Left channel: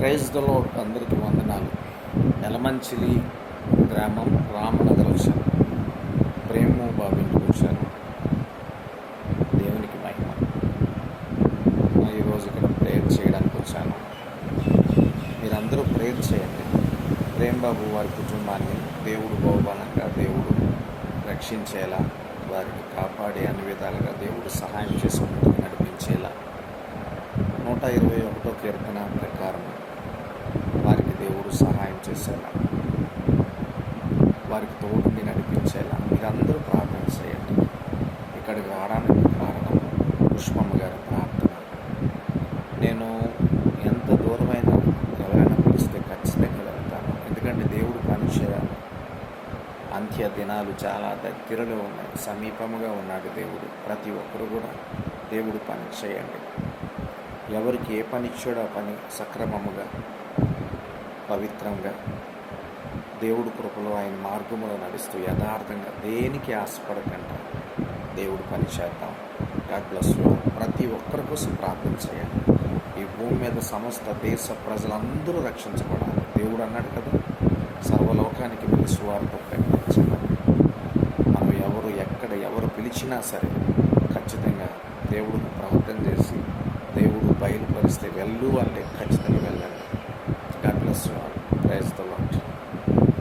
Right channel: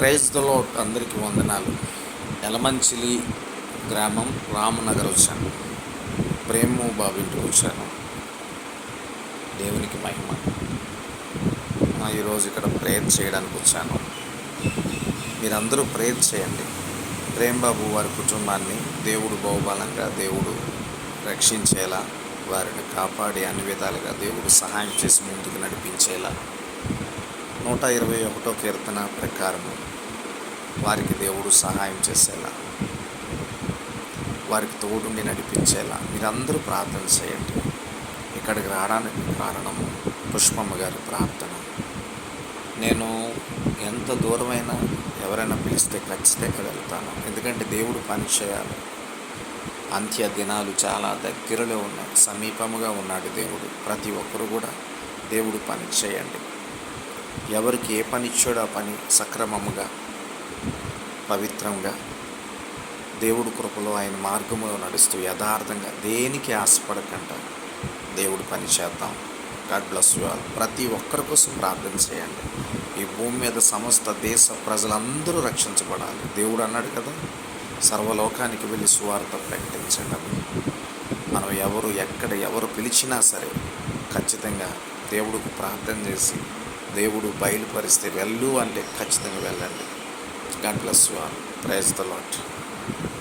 Praise దలో అందరికీ వందనాలు. ఎలమంచిలి గ్రామం రామనగర్ వచ్చాను ప్రేము బాబింటికి వచ్చాను. దేవునికి మహిమ. ఈరోజు ఇక్కడ ప్రేయర్ చేయడానికి వచ్చాను. మీరందరూ ప్రేయర్ చేయండి. ప్రేమ్ బాబు వారి కుటుంబాన్ని దేవుడు బహుబలంగా దేవుడు రక్షించేలా వారిని కాపాడి అన్ని విధాలుగా దేవుడు సహాయం చేసి ముందుకు నడిపించేలా నూట ఇరవై ఒకటో కీర్తన ప్రకారం వారికి దేవుడు సహాయం చేసేలా వారికి తోడుండి నడిపించేలా. మీరందరూ ప్రార్థన చేయండి. ఇక్కడికి రావడానికి కారణం పుష్పమ్మ గారి ప్రార్థన. నేను ఎంత దూరమైనా ఎవరైనా పిలిస్తే ఖచ్చితంగా వెళ్తాను. ఎందుకంటే దేవుడు పని చేయాలి. అంత్య దినాలు చాలా దగ్గరలో ఉన్నాయి. సమీపముగా ఉన్నాడు దేవుడు. ప్రతి ఒక్కరు కూడా దేవుడు పని చేయండి. ఎవరికి ఏ పని ఇచ్చాడో ఆ పని సక్రమముగా పవిత్రంగా దేవుడు కృపలో ఆయన మార్గములో నడుస్తూ యథార్థంగా దేనికి ఆశపడకుండా దేవుడు పని చేద్దాం. God bless you all. ప్రతి ఒక్కరి కోసం ప్రార్థన చేయండి. ఈ భూమి మీద సమస్త దేశ ప్రజలందరూ రక్షించబడాలి. దేవుడు అన్నాడు కదా సర్వలోకానికి వెళ్ళి సువార్త ప్రకటించండి మనం ఎవరు ఎక్కడ ఎవరు పిలిచినా సరే ఖచ్చితంగా దేవుడికి ప్రార్థన చేసి దేవుడు బయలుపరిస్తే వెళ్ళు అంటే ఖచ్చితంగా వెళ్ళండి. God bless you all praise the Lord